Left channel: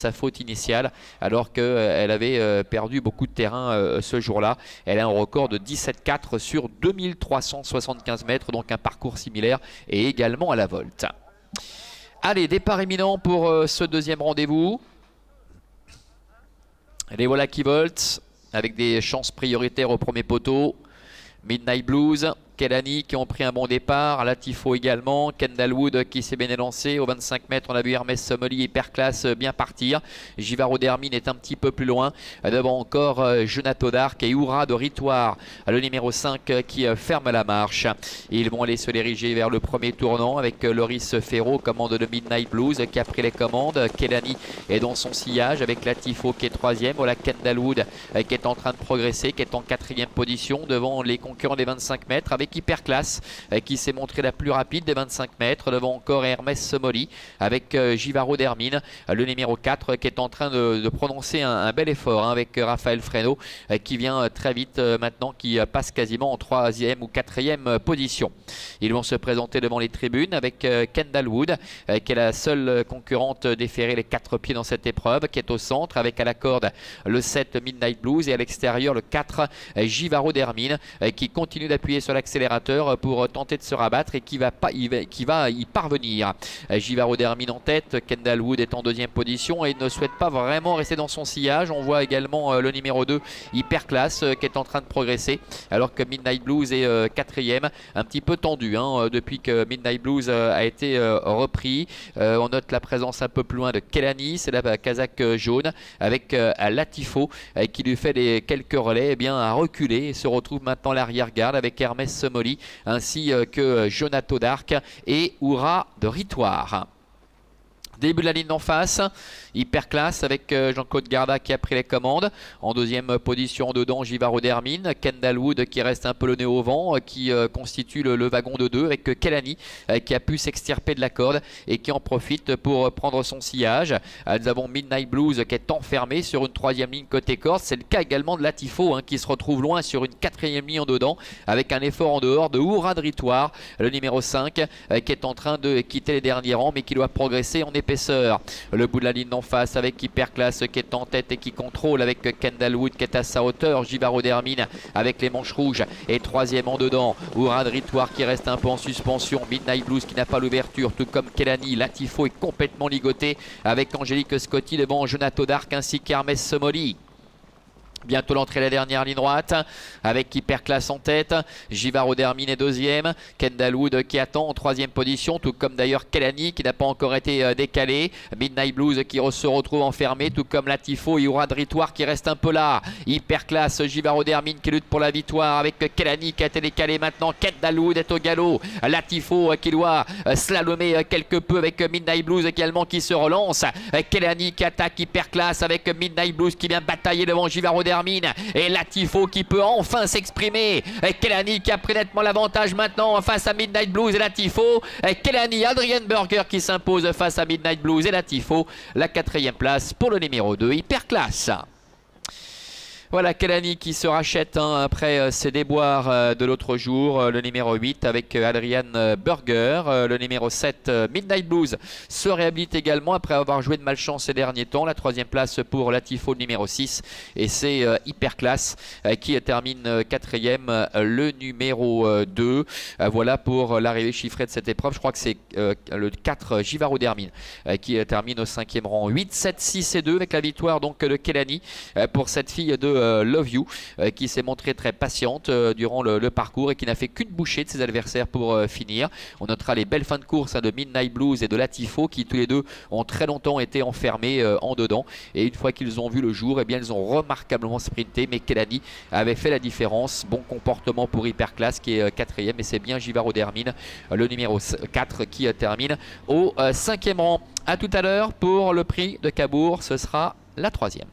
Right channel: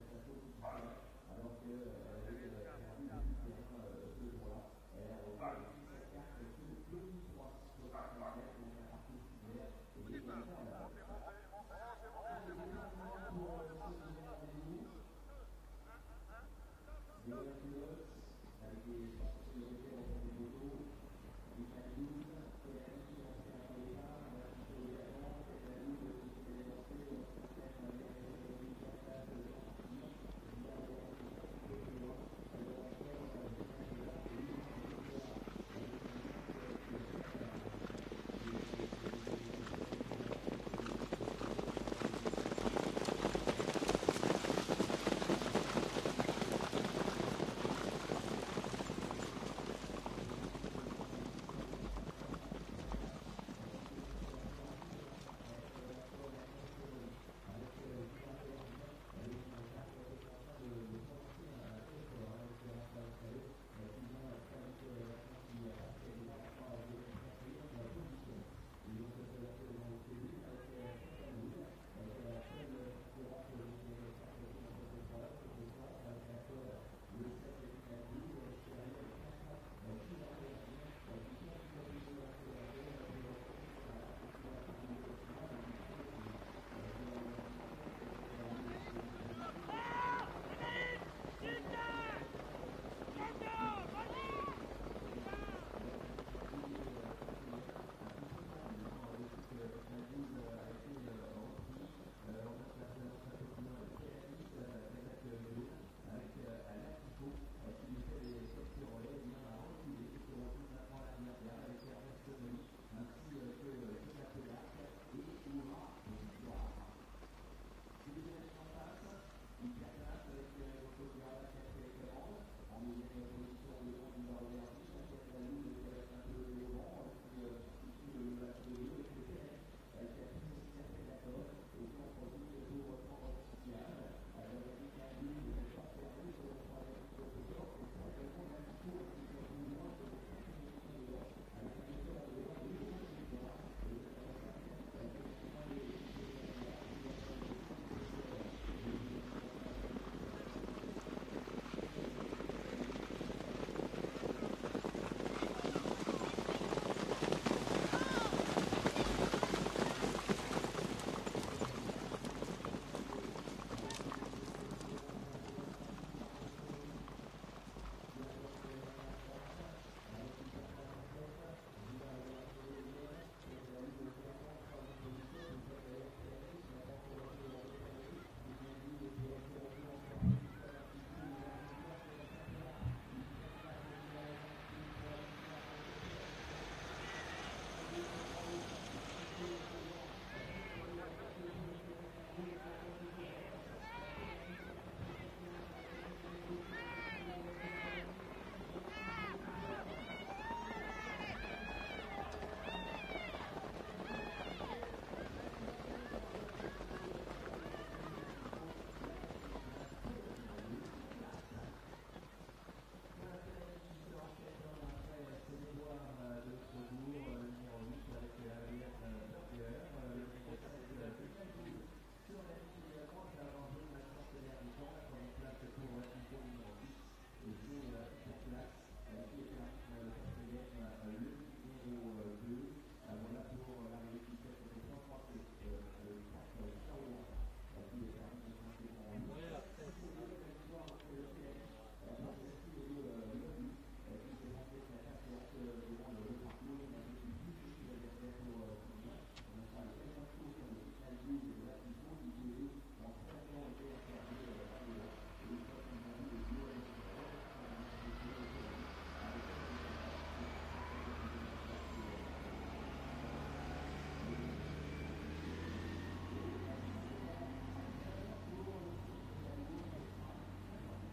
sa faute initiale alors qu'elle avait perdu beaucoup de terrain ce jour-là. Elle a un record de 17,4 sur 2375 mètres, donc un parcours similaire et également à la volte. Allez, départ imminent pour ce deuxième rendez-vous. Les voilà qui voltent avec des chances prioritaires au premier poteau. Midnight Blues, Kelani qui ont pris un bon départ, Latifo également, Kendall Wood qui s'est bien élancé. Au 25 mètres, on a vu Hermès Somoli Hyperclass bien partir. Givaro d'Hermine est un petit peu plus loin. Devant encore Jonato d'Arc et Oura de Ritoire, le numéro 5 qui ferme la marche. Ils vont aller se diriger vers le premier tournant avec Loris Ferro, commande de Midnight Blues qui a pris les commandes. Kelani est dans son sillage avec Latifo qui est troisième. Voilà Kendall Wood qui est en train de progresser, qui est en quatrième position devant les concurrents des 25 mètres avec Hyperclass qui s'est montré la plus rapide des 25 mètres. Devant encore Hermès Somoli avec Givaro d'Hermine, le numéro 4 qui est en train de prononcer un bel effort avec Raphaël Freno qui vient très vite maintenant, qui passe quasiment en troisième ou quatrième position. Ils vont se présenter devant les tribunes avec Kendall Wood qui est la seule concurrente déférée les 4 pieds dans cette épreuve, qui est au centre avec à la corde le 7 Midnight Blues et à l'extérieur le 4 Givaro d'Hermine qui continue d'appuyer sur l'accélérateur pour tenter de se rabattre et qui va y parvenir. Givaro d'Hermine en tête, Kendall Wood est en deuxième position et il ne souhaite pas vraiment rester dans son sillage. On voit également le numéro 2 Hyperclass qui est en train de progresser alors que Midnight Blues est quatrième, un petit peu tendu depuis que Midnight Blues a été repris. On note la présence un peu plus loin de Kelani, c'est la casaque jaune avec Latifo qui lui fait quelques relais à reculer et se retrouve maintenant l'arrière-garde avec Hermès Somoli ainsi que Jonato d'Arc et Oura de Ritoire. Début de la ligne d'en face, Hyperclass avec Jean-Claude Garda qui a pris les commandes. En deuxième position dedans, Givaro d'Hermine. Kendall Wood qui reste un peu le nez au vent, qui constitue le wagon de 2 avec Kelani qui a pu s'extirper de la corde et qui en profite pour prendre son sillage. Nous avons Midnight Blues qui est enfermé sur une troisième ligne côté corde. C'est le cas également de Latifo qui se retrouve loin sur une quatrième ligne en dedans avec un effort en dehors de Oura de Ritoire, le numéro 5 qui est en train de quitter les derniers rangs mais qui doit progresser en épaisseur. Le bout de la ligne d'en face avec Hyperclass qui est en tête et qui contrôle avec Kendall Wood qui est à sa hauteur. Givaro d'Hermine avec les manches rouges et troisième en dedans. Oura de Ritoire qui reste un peu en suspension. Midnight Blues qui n'a pas l'ouverture, tout comme Kelani. Latifo est complètement ligoté avec Angélique Scotti devant Jonato d'Arc ainsi qu'Hermès Somoli. Bientôt l'entrée de la dernière ligne droite avec Hyperclass en tête. Givaro d'Hermine est deuxième. Kendall Wood qui attend en troisième position, tout comme d'ailleurs Kelani qui n'a pas encore été décalé. Midnight Blues qui se retrouve enfermé, tout comme Latifo et Oura de Ritoire qui reste un peu là. Hyperclass, Givaro d'Hermine qui lutte pour la victoire avec Kelani qui a été décalé maintenant. Kendall Wood est au galop. Latifo qui doit slalomer quelque peu avec Midnight Blues également qui se relance. Kelani qui attaque Hyperclass avec Midnight Blues qui vient batailler devant Givaro d'Hermine. Et Latifo qui peut enfin s'exprimer. Kelani qui a pris nettement l'avantage maintenant face à Midnight Blues et Latifo. Kelani, Adrian Burger qui s'impose face à Midnight Blues et Latifo. La quatrième place pour le numéro 2 Hyperclass. Voilà Kelani qui se rachète après ses déboires de l'autre jour. Le numéro 8 avec Adrian Burger. Le numéro 7 Midnight Blues se réhabilite également après avoir joué de malchance ces derniers temps. La troisième place pour Latifo numéro 6. Et c'est Hyperclass qui termine quatrième, le numéro 2. Voilà pour l'arrivée chiffrée de cette épreuve. Je crois que c'est le 4 Givaro d'Hermine qui termine au 5e rang. 8, 7, 6 et 2 avec la victoire donc de Kelani pour cette fille de Love You qui s'est montrée très patiente durant le parcours et qui n'a fait qu'une bouchée de ses adversaires pour finir. On notera les belles fins de course de Midnight Blues et de Latifo qui tous les deux ont très longtemps été enfermés en dedans et une fois qu'ils ont vu le jour, ils ont remarquablement sprinté, mais Kelani avait fait la différence. Bon comportement pour Hyperclass qui est quatrième et c'est bien Givaro d'Hermine, le numéro 4 qui termine au 5e rang. A tout à l'heure pour le prix de Cabourg, ce sera la troisième.